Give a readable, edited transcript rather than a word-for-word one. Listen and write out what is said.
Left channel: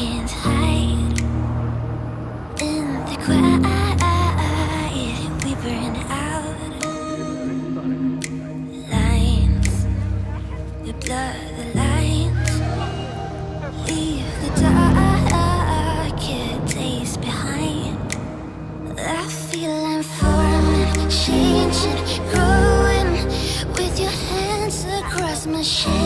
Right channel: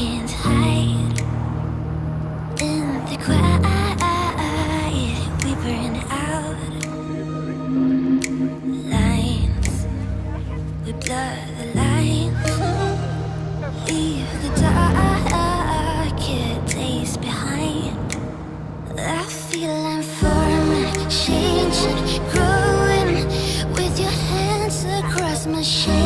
can't hide. In the quiet, we burn out lines. We blur the lines. Leave the darker days behind. I feel I'm forming, changing, growing with your hands across my shame.